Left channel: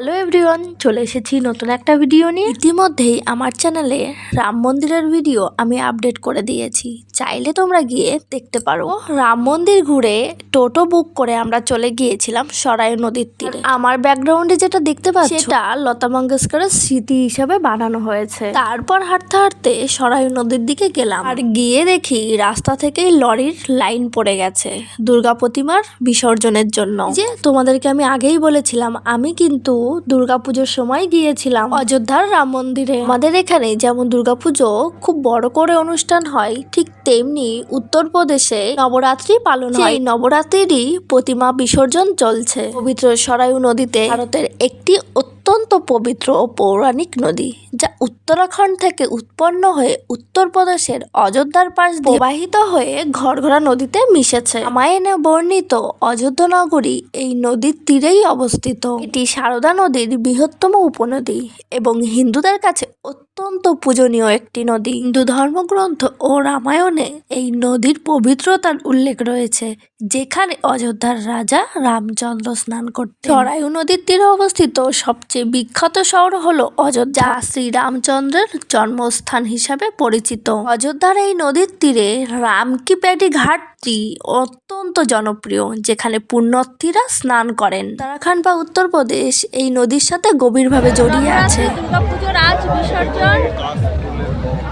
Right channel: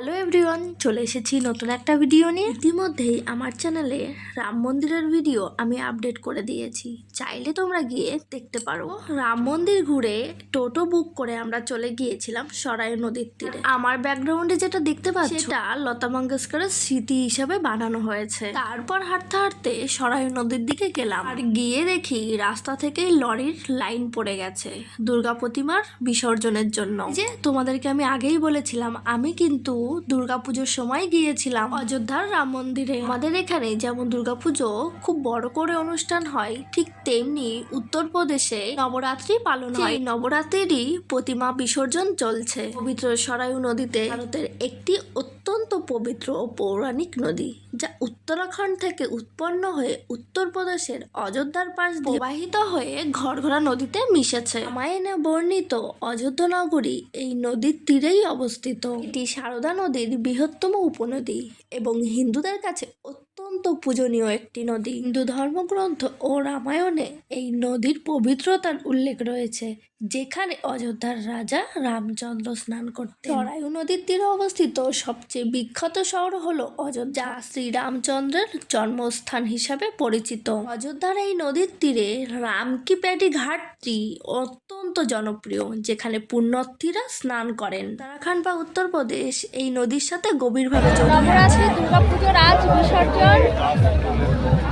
Hello everyone, চলে এসেছি নতুন একটা ভিডিও নিয়ে। ইতিমধ্যেই আমার চ্যানেলে রাম মন্দিরের ভিডিও আমি আপডেট করে দিয়েছি, চাইলে তোমরা গিয়ে দেখতে পারো। রাম মন্দির ঘুরে টোটো বুক করে আমরা চলে গিয়েছিলাম সরাই নদীর তীরে। আমার ব্যাকগ্রাউন্ডে যেটা দেখতে পাচ্ছ সেটা লতা মঙ্গেশকরের স্মৃতি হিসাবে বানানো হয়েছে। তারপর হাঁটতে হাঁটতে সরাই নদীর দিকে গেলাম, আর গিয়ে দেখি রাস্তা থেকেই লরির লাইন পড়ে গেছে দুর্গা প্রতিমার বিসর্জনের জন্য। যে তোমাদেরকে আমি আগেই বলেছিলাম, আমি কিন্তু দুর্গাপুজোর সময় গিয়েছিলাম অযোধ্যার রাম মন্দিরে। আমাদের এখানে যেমন দুর্গাপুজো খুব বড় করে অনুষ্ঠান হয়, ঠিক তেমনি উত্তরপ্রদেশে নবরাত্রি পালন হয়। নবরাত্রিরই প্রতিমা বিসর্জন চলছে পবিত্র সরায়ু নদীতে, ভারতের একটি অত্যন্ত পবিত্র ও পৌরাণিক নদী, যা উত্তরাখণ্ড থেকে উৎপন্ন হয়ে উত্তরপ্রদেশের অযোধ্যার পাশ দিয়ে প্রবাহিত হয়ে ঘরঘরা নদীতে মিশেছে। রামায়ণে বর্ণিত অযোধ্যা নগরী এই নদীর তীরেই অবস্থিত। এটি সারদা নদীর বৃহত্তম উপনদী এবং হিন্দুদের কাছে অত্যন্ত পূজনীয় একটি নদী। হিন্দু ধর্মগ্রন্থ ও রামায়ণে এই নদীর পবিত্রতার উল্লেখ রয়েছে, যেখানে অযোধ্যার রাজা রামচন্দ্র স্নান করতেন। সরায়ু নদীর তীরে অবস্থিত সবচেয়ে বিখ্যাত শহর হলো অযোধ্যা, যা শ্রীরামচন্দ্রের জন্মস্থান হিসাবে পরিচিত। অযোধ্যার এই নদীর তীরে রামকি প্যাডি ঘাটটি অত্যন্ত জনপ্রিয়, যেখানে পুণ্যার্থীরা স্নান করেন। উত্তরাখণ্ড বা উত্তরপ্রদেশ এই নদীর সাথে গভীরভাবে জড়িয়ে আছে। দুর্গাপুজোর আজ বিসর্জন,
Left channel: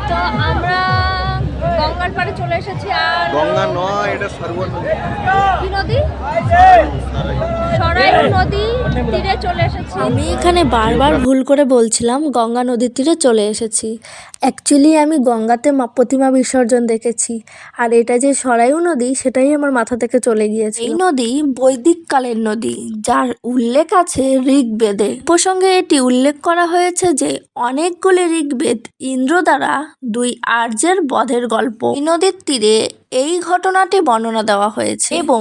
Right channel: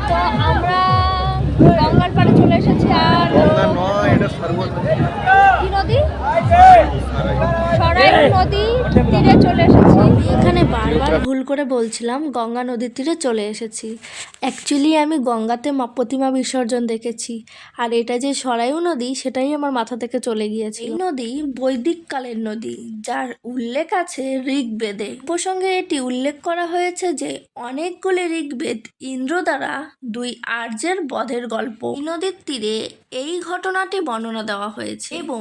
তো আমরা গঙ্গার পাড়ে চলে এসেছি। আর কি নদী? সরাই নদী তীরে চলে এসেছি। আমি এখানে বারবার ভুল করে বলছিলাম গঙ্গা নদীর তীরে চলে এসেছি। অ্যাকচুয়ালি আমি গঙ্গাতে প্রতিমা বিসর্জন দেখেছি, আর এটা যে সরায়ু নদী সেটাই আমার মাথা থেকে চলে গিয়েছে। এই নদী বৈদিক কালের নদী, যার উল্লেখ আছে ঋগ্বেদে। প্রসঙ্গে এটি উল্লেখ করা হয়েছে যে অনেকগুলি ঋগ্বেদ ইন্দ্র দ্বারা দুই আর্যের বধের গল্প। এই নদীর তীরে এই ঘটনাটি বর্ণনা দেওয়া হয়েছে এবং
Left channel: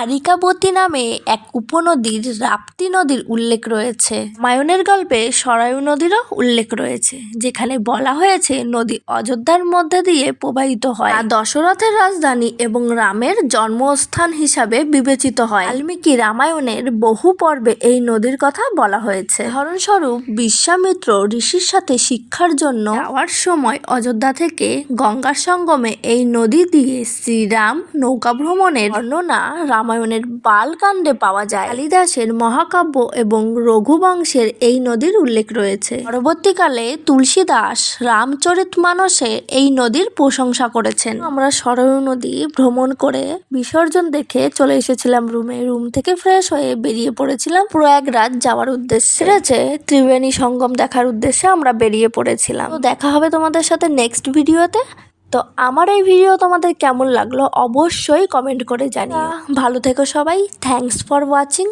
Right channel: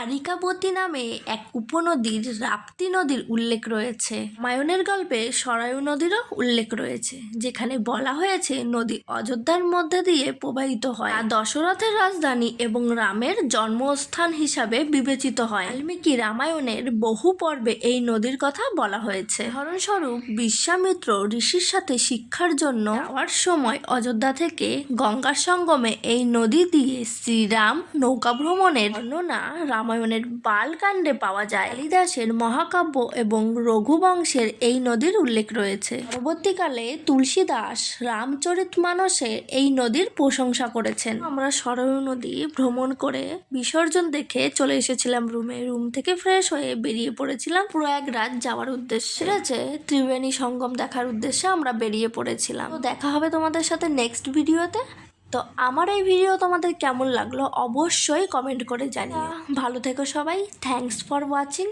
আরিকাবতী নামে এক উপনদীর রাপ্তি নদীর উল্লেখ রয়েছে। রামায়ণের গল্পে সরায়ু নদীরও উল্লেখ রয়েছে, যেখানে বলা হয়েছে নদী অযোধ্যার মধ্যে দিয়ে প্রবাহিত হয়। দশরথের রাজধানী এবং রামের জন্মস্থান হিসাবে বিবেচিত হয়। বাল্মীকি রামায়ণের বহু পর্বে এই নদীর কথা বলা হয়েছে। উদাহরণস্বরূপ, বিশ্বামিত্র ঋষির সাথে শিক্ষার জন্য যাওয়ার সময় অযোধ্যা থেকে গঙ্গার সঙ্গমে এই নদী দিয়ে শ্রীরাম নৌকা ভ্রমণের বর্ণনা রামায়ণের বালকাণ্ডে পাওয়া যায়। কালিদাসের মহাকাব্য এবং রঘুবংশের এই নদীর উল্লেখ রয়েছে। পরবর্তীকালে তুলসীদাস রামচরিতমানসে এই নদীর প্রশংসা করেছেন। আমরা সরায়ু নদী ভ্রমণ করে বিসর্জন দেখে চলে এসেছিলাম রুমে। রুম থেকে ফ্রেশ হয়ে বেরিয়ে পড়েছিলাম প্রয়াগরাজ যাওয়ার উদ্দেশ্যে। ঠিক আছে, ত্রিবেণী সঙ্গম দেখার উদ্দেশ্যে আমরা বেরিয়ে পড়েছিলাম। তো দেখা হবে তোমাদের সাথে নেক্সট ভিডিওতে। তো আমার এই ভিডিও তোমাদের কেমন লাগলো অবশ্যই কমেন্ট করে জানিও। ভালো থেকো সবাই, থ্যাঙ্কস ফর ওয়াচিং।